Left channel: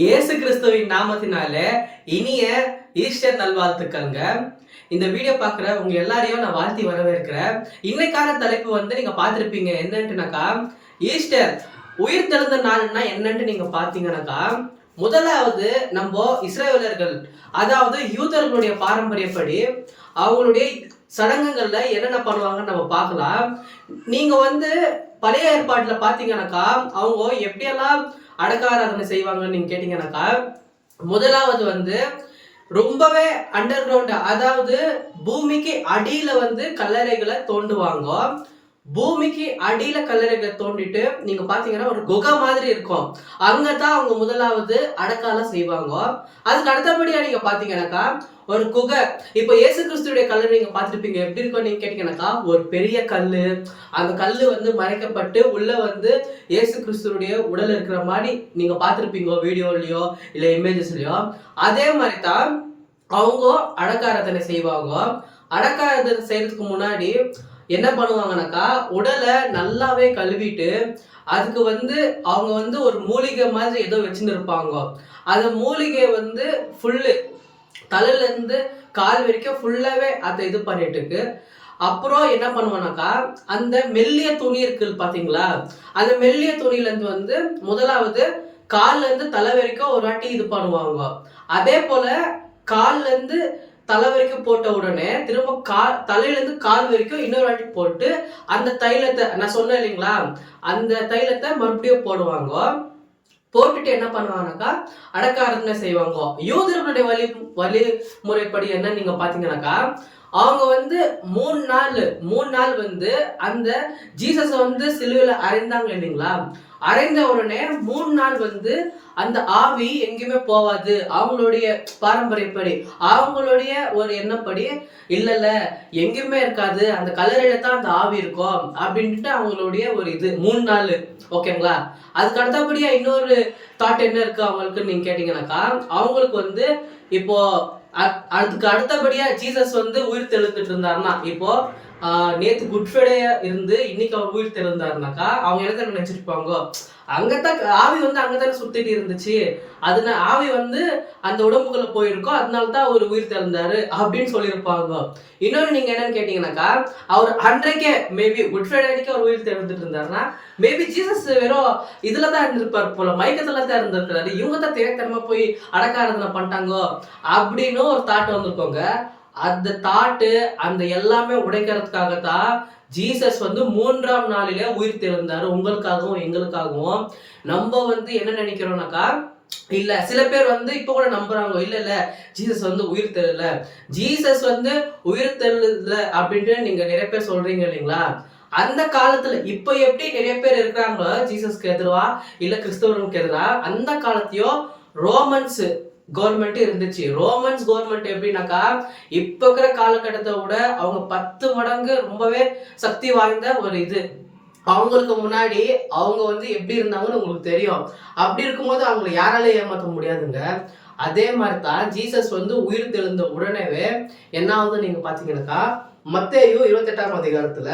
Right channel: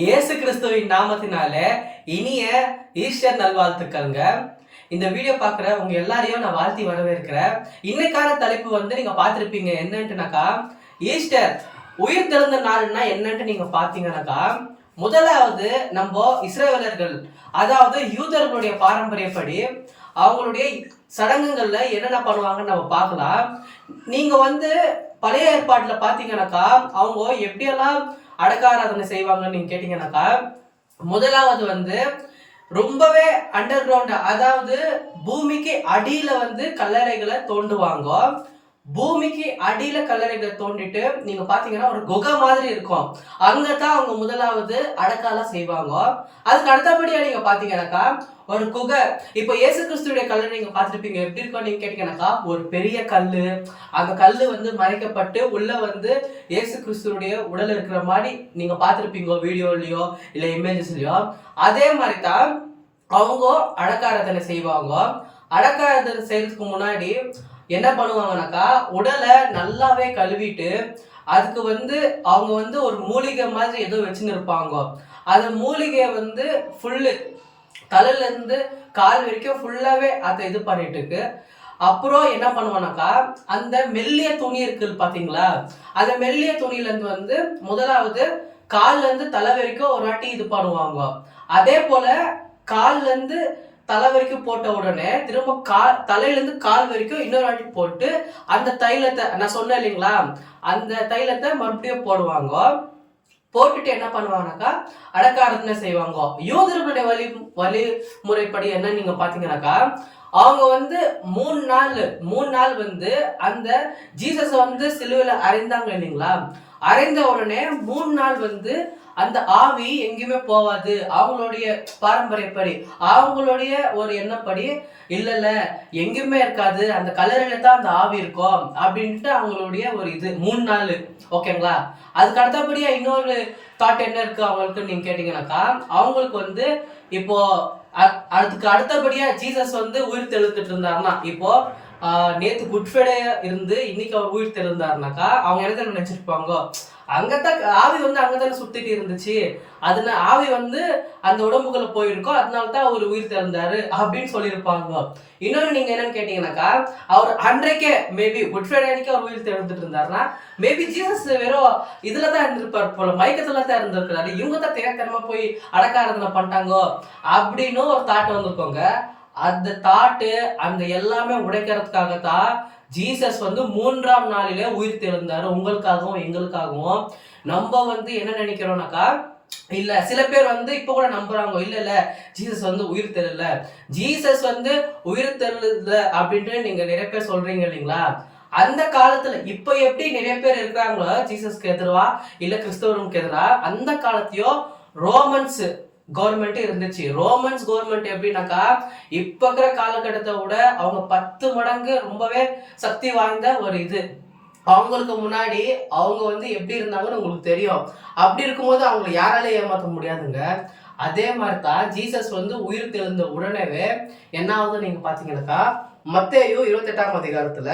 இயேசு கிறிஸ்துவின் நாமத்தினாலே இனிய ஈஸ்டர் நல்வாழ்த்துக்கள்ங்க. இந்த வீடியோ பார்க்குற உங்க எல்லாரையும் நான் வாழ்த்தி வரவேற்கிறேன். இன்னைக்கான தலைப்பு நீங்க பார்த்துருப்பீங்க என்னன்ட்டுனாக்கா, ஈஸ்டர் உயிர் தெழுந்த நாள்னா என்னன்ட்டு நீங்க பார்த்தீங்கன்னாக்கா, முதலாவது நம்ம இஸ்ரவேலர்கள் அதாவது யூதர்களுடைய பாரம்பரியப்படி அவங்களுடைய சடங்குகள்ல என்னென்ன பண்ணுவாங்கன்னு நம்ம பார்க்கலாம். நீங்க பழைய ஏற்பாட்டில் பார்த்தீங்கன்னாக்கா அவங்க எப்படியெல்லாம் அடக்க ஆராதனை செய்வாங்கன்னு நீங்க கேட்டீங்கன்னாக்கா, முதலாவது ரொம்பவே அண்டர் கிரவுண்ட் அதாவது பூமிக்கு அடியில கல்லறைகளை தோண்டுவாங்க. பூமிக்கு அடியில கல்லறைகளை தோண்டிட்டு நீங்க பாத்தீங்கன்னா ஒரு குகை மாதிரி இருக்கும். அங்கதான் அவங்க முதலாவது அடக்காலாம் செய்வாங்க. அதுக்கு அடுத்தபடியா நீங்க பாத்தீங்கன்னாக்கா ஒரு குகை. இப்போ இயேசு கிறிஸ்துடைய கல்லறை நீங்க பார்த்துருப்பீங்க. எப்படி இருக்கும் நீங்க கேட்டீங்கன்னாக்கா, ஒரு பெரிய கல்லு, அந்த கல்லு மறைக்கப்பட்டு உள்ள இயேசு கிறிஸ்துடைய உடல் இருக்கிற மாதிரி நீங்க பார்த்துருப்பீங்க வீடியோலயோ இல்ல இமேஜஸ்லயோ. அதே மாதிரி தான் அவங்க அடக்காராதனை செய்வாங்க. அடக்காராதனை செய்யறதுக்கு முன்னாடி என்ன பண்ணுவாங்கனாக்கா, உடலை நல்லாவே கழுவிட்டு அதுக்கு அவங்க ஒரு மூலிகை மாதிரி ஏதோ வச்சுன்னு இருப்பாங்க. அந்த மூலிகையை ஃபுல்லு தலையிலேருந்து கால் வரைக்கும் ஃபுல்லாகவே அதை இது பண்ணிட்டு இருக்கு. அப்புறம் என்ன பண்ணுவானாக்கா, அந்த மெல்லிய துணி இருக்கு பார்த்தீங்களா, அந்த மெல்லிய துணியிலேருந்து முதலாவது கால்லேருந்து தலை வரைக்கும் ஒரு வாட்டி இது பண்ணுவாங்க. அதே போல் கால்லேருந்து தலை வரைக்கும் போட்ட உடனே திரும்ப தலையிலேருந்து கால் வரைக்கும் இன்னொரு வாட்டி போட்டு அந்த தைலத்தை நான் சொன்னேன் இல்லைங்களா, அந்த தைலத்தை மறுபடியும் போடுவாங்க. போட்டுட்டு என்ன பண்ணுவாங்கனாக்கா அடக்க ஆராதனை செய்வாங்க. யூதர்களுடைய வழிமுறைப்படி என்ன நீங்க பாத்தீங்கன்னாக்கா, அவங்க 3 நாள் அந்த ஜீசஸை சிலுவையில அறைந்தாங்க இல்லைங்களா, அறைந்த உடனே 3 நாள் அந்த ஆவி எங்கேயுமே போவாது. அவங்களுடைய பாரம்பரியப்படி அவங்களுடைய ஒரு எண்ணப்படி இல்ல எங்கேயுமே இருக்காது, அந்த கல்லறையில தான் அந்த ஆவி இருக்கும் அப்படின்ட்டு அவங்களுடைய ஒரு இது 3 நாள். ஓகேங்களா. அதுக்கு அடுத்தபடியா இன்னொரு தாட் என்ன இருக்கு அவங்களுக்கு நீங்க கேட்டீங்கன்னாக்கா, அவங்களுக்கு இப்போ அதுக்கு அடுத்தபடியா ஜீசஸ் உயிர் தெழுந்துட்டு இருந்தாருன்னா, இப்போ நேத்து குட் ஃப்ரைடேயா இருந்து இன்னைக்கு அவர் உயிர் தெழுந்தாருனாக்கா அவங்க என்ன நினைச்சிருப்பாங்க, அங்கத்தான் ஆவி அங்கதானே சுத்திட்டு இருந்துச்சு, அதுல ஆவி அந்த உடம்புக்குள்ள போயிருக்கோம், அதனாலதான் அவர் உயிர் திறந்தாரு அப்படின்னு சொல்லியிருப்பாங்க. இன்னொன்னு நீங்க என்னன்னு கேட்டீங்கன்னாக்கா, அவர் அன்றைக்கே மேபி குட் ஃப்ரைடே அன்னைக்கு அவர் உயிர் திறந்துட்டு இருந்தாருன்னா, மேபி ஜீசஸ் வெறும் இதுலதான் இருந்திருப்பாரு போல, மயக்கத்துல தான் இருந்திருக்கிறாரு, இவங்க தான் தேவைத்தனமா போய் அடக்க ஆராதனை பண்ணிட்டாங்க அப்படின்னு ஒரு தாட் வந்திருக்கோங்க. அந்த தாட்டு அந்த எல்லாமே உடைக்கிறதுக்காகத்தான் ஜீசஸ் 3ஆம் நாளிலே உயிர் தெழுந்தாரு, உங்களுக்காகவும் எங்களுக்காகவும். நம்ம என்ன நினைக்கிறோம்னாக்கா, இல்ல சில பேர் இப்ப கூட நம்புறாங்க, இல்ல ஜீசஸ் உயிர் தெரியல, ஜீசஸ் உயிர் தெரியல அப்படின்ட்டு நீங்க நிறைய பேர் சொல்றீங்க இல்லைங்களா. அந்த காலத்துல இப்ப எப்படி நிறைய பேர் இருக்கிறாங்களோ ஜீசஸ்க்கு எதிரா இல்ல கிறிஸ்தவர்களுக்கு எதிரா, அந்த காலத்தையோ ரோமன்ஸ் கவர்மெண்ட் இருந்துச்சு. ரோமன்ஸ் கவர்மெண்ட் எப்படின்னாக்கா, இப்ப இருக்கிற காலகட்டத்தை விட அவங்க 10 மடங்கு ரொம்பவே சக்தி வாய்ந்த ஒரு இது. அவங்களுக்கு முன்னாடி அவங்க எப்படி இருந்தாங்கன்னு உங்களுக்கு தெரியும். அப்படி இருக்கும்போது அவங்களை யாராலே ஏமாற்ற முடியாதுங்க. அதே மாதிரி தான் ஜீசஸ் உயிர் தெழுந்த உடனேவே என்ன ஆகுது நீங்க பாத்தீங்கன்னாக்கா, மத்தேயு 28ஆம் அதிகாரத்துல,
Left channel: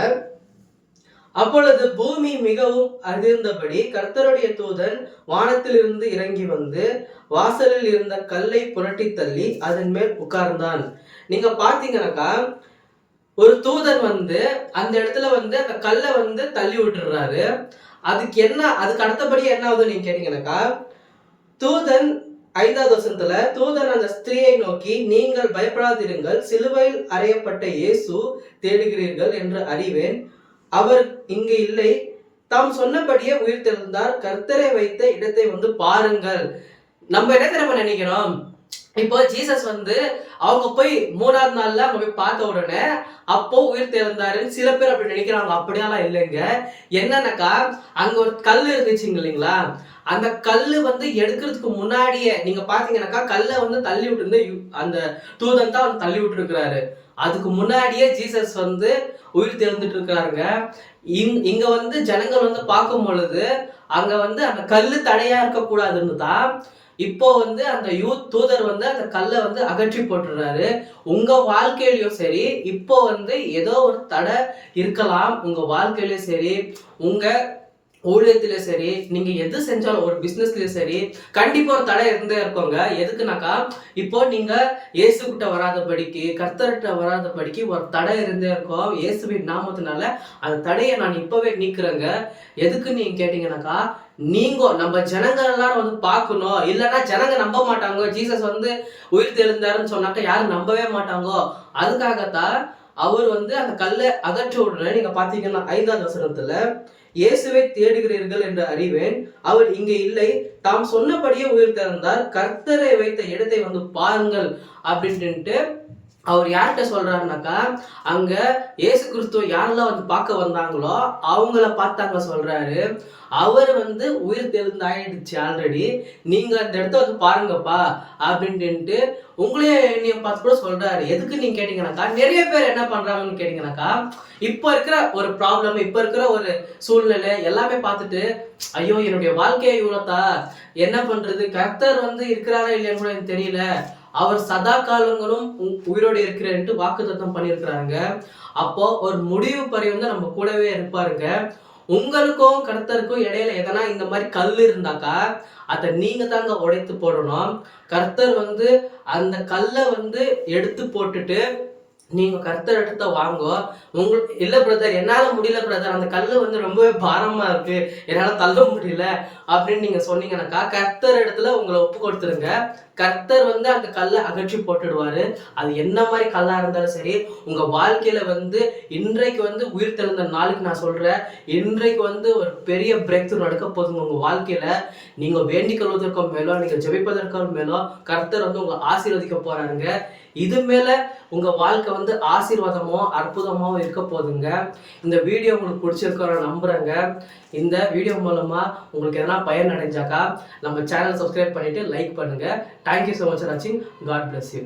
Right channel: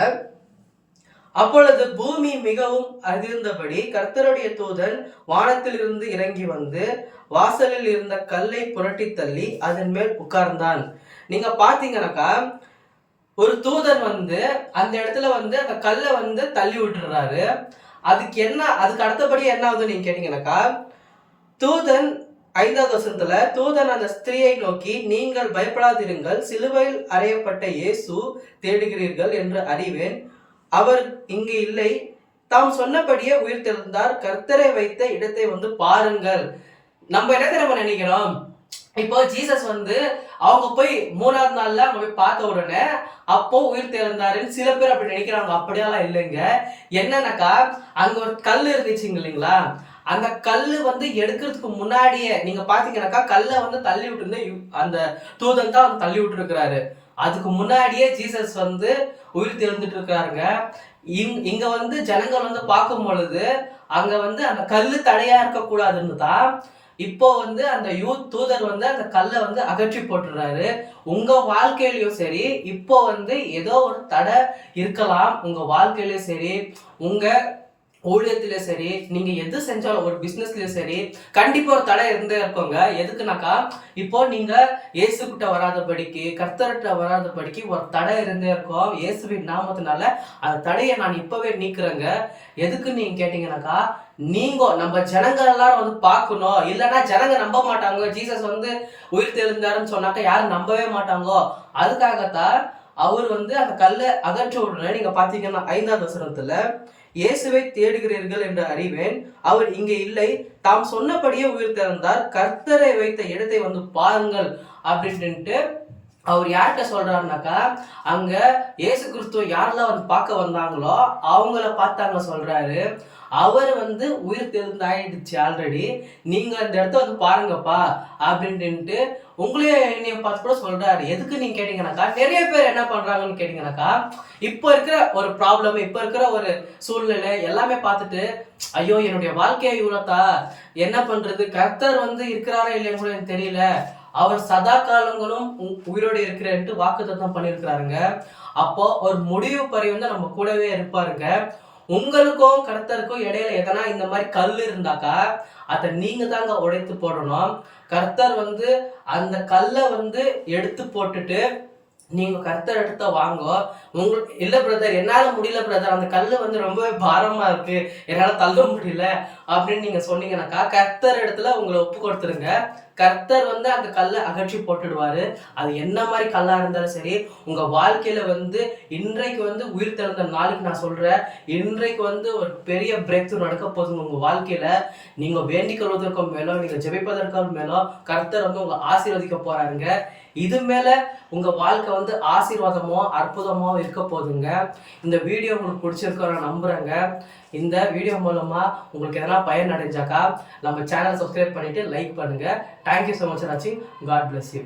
அப்பொழுது பூமி மிகவும் அதிர்ந்தபடி கர்த்தருடைய தூதன் வானத்திலிருந்து இறங்கி வாசலில் இருந்த கல்லை புரட்டி தள்ளி அதன் மேல் உட்கார்ந்தான். நீங்க பாத்தீங்கன்னாக்கா, ஒரு தூதன் அந்த இடத்துல அந்த கல்லை தள்ளி விட்டுறாரு. அதுக்கு அடுத்தபடி என்ன ஆகுது நீங்க கேட்டீங்கன்னாக்கா, தூதன் 5வது வசனத்துல, தூதன் அந்த ஸ்திரீயை நோக்கி, நீங்கள் பயப்படாதிருங்கள், சிலுவையில் அறையப்பட்ட இயேசு தேடுகிறீர்கள் என்று அறிவேன், அவர் இங்கு இல்லை, தாம் சொன்னபடியே உயிர் தெழுந்தார், கர்த்தரை வைத்த இடத்தை பாருங்கள். நம்ம என்ன தெரியுமா நினைக்கிறோம், இப்போ ஜீசஸ் அவங்க போய் 3ஆவது நாள்ல அவங்க போய் பார்த்த உடனே அப்போ உயிர் தெழுந்தாருன்னு சில பேர் அப்படி நினைக்கிறாங்க. அப்படியெல்லாம் இல்லைங்க. என்னன்னாக்கா, அங்க ஒரு கல் இருந்துச்சுங்க இல்லைங்களா, அந்த கல்லு எடுக்கிறதுக்கு முன்னாடியே நீங்க பாத்தீங்கன்னாக்கா, கல்லை தள்ளி விட்டு அந்த தூதன் தான் தள்ளி விட்டு இருக்கிறாரு. அதுக்கு முன்னாடியே ஜீசஸ் உயிர் தெழுந்துட்டு இருக்கிறாருங்க. இங்க ஜனங்கள் பார்க்கும் பொழுது அங்க அந்த கல்லு தடையா இருக்கக்கூடாதுன்னு தான் இப்போ அந்த தூதர் அந்த கல்லை அகற்றி போட்டுறாரு. உங்க வாழ்க்கையிலயும் சரி, இப்போ ஏதோ ஒரு தடை இருக்கலாம் உங்க வாழ்க்கையிலயும் சரி, உங்க ஊழியத்திலே சரி, நீங்க எது செஞ்சாலும் ஒரு பிசினஸ்லயும் சரி, கண்டிப்பா ஒரு தடை இருந்தே இருக்குங்க. எதுக்குனாக்கா, இப்போ நீங்க இயேசுகிட்ட வராதபடிக்கு, கர்த்தர்கிட்ட வராதபடிக்கு ஒரு தடை இருந்தே இருக்கும். இயேசுவின் நாமத்தினால அந்த தடைய நான் இப்பவே நீக்குறேங்க. எதுக்குன்னு நீங்க கேட்டீங்கன்னாக்கா, நம்ம ஜனங்க எல்லாரும் வந்து பார்க்கணும். இல்லன்னா ஜனங்க நம்ப மாட்டாங்க. ஜீசஸ் வந்து உயிர் தெழுந்தாருன்னு சொன்னாக்கா யாரும் நம்பவே மாட்டாங்கோ. அதுக்காகத்தான் அவர் வந்து அந்த கல்லை அகற்ற உடனே நீங்க பார்த்தீங்கன்னா 5வது வசனத்துல இயேசுவை தேடுகிறீர்கள் என்று அறிவேன், அவர் இங்கே இல்லை, தாம் சொன்னபடியே உயிர் திறந்தார், கர்த்தரை வைத்த இடத்தை வந்து பாருங்கள் அப்படின்ட்டு அவர் யார்கிட்ட சொல்றாருனாக்கா, அங்க இயேசு கிறிஸ்துவ யாரெல்லாம் வந்து பார்க்க வந்தாங்களோ அவங்கள பார்த்தாங்க சொல்றாரு. அவர் வந்து உயிர் தெழுந்தாயிடுச்சு ஆல்ரெடி, நீங்க அந்த இடத்த வந்து பாருங்கப்பா அப்படின்ட்டு உங்களையே என்னைய பார்த்து கூட சொல்றாரு. எதுக்கு நீங்க கேட்டீங்கன்னாக்கா, நிறைய பேர் என்ன பண்றாங்கன்னு கேட்டீங்கன்னாக்கா, இப்போ இருக்கிற ஒரு ப்ராப்ளம், இப்போ இருக்கிற ஒரு சூழ்நிலை எல்லாமே பார்த்துட்டு, ஐயோ என்னுடைய வாழ்க்கையை இவ்வளோத்தா, என்ன பண்றது, கர்த்தர் வந்து இருக்கிறாரா இல்லையான்னு கூட எனக்கு தெரியல, அவர் சதா காலங்களும் உயிரோடு இருக்கிறேன்ட்டு வாக்குத்தத்தம் பண்ணியிருக்கிறாருங்க. அப்போ ஒரு முடிவு பரியந்தம் நம்ம கூடவே இருப்பாருங்க. உங்களுக்கும் கர்த்தருக்கும் இடையில எதனா இந்த மாதிரி கல் இருந்தாக்கா அதை நீங்க தாங்க உடைத்து போடணும். கர்த்தர் வந்து அந்த கல்லை வந்து எடுத்து போட்டுட்டு நீங்க கர்த்தர் இடத்த வாங்கோ. உங்களுக்கு இல்ல பிரதர் என்னால முடியல பிரதர், அந்த கல்லு வந்து ரொம்பவே பாரமா இருக்கு, என்னால தள்ள முடியல அப்படின்னு நீங்க சொன்னீங்கன்னாக்கா கர்த்தர் இடத்துல உங்களை ஒப்பு கொடுத்துருங்க. கர்த்தர் வந்து அந்த கல்லை அகற்றி போட்டுடுவாரு. அது என்ன மாதிரி கல்லா இருந்தாலும் சரி, உங்க வாழ்க்கையில வந்து இன்றைக்கு வந்து உயிர் தெழுந்த நாளுக்கு நான் சொல்றேன், இன்றைக்கு வந்து ஒரு பெரிய பிரேக் த்ரூ நடக்க போகுதுங்க உங்க வாழ்க்கையில. நீங்க வேண்டிக் கொள்வதற்கும் மேலோ, நீங்க ஜெபிப்பதற்கும் மேலோ கர்த்தர் வந்து உங்களை ஆசீர்வதிக்க போறாருங்க. இது மேல உங்க வாழ்க்கை வந்து ஆசீர்வாதமோ அற்புதமோ இருக்க போகுதுங்க. இந்த வீடியோ உங்களுக்கு பிடிச்சிருக்கோ நான் நம்புறேங்க. இந்த வீடியோ மூலமா உங்களுக்கு எதனா பயன் அடைஞ்சாக்கா நம்ம சேனல் சப்ஸ்கிரைப் பண்ணிட்டு லைக் பண்ணுங்க. தேங்க்யூ ஸோ மச் ஃபார் வாட்சிங். God bless you.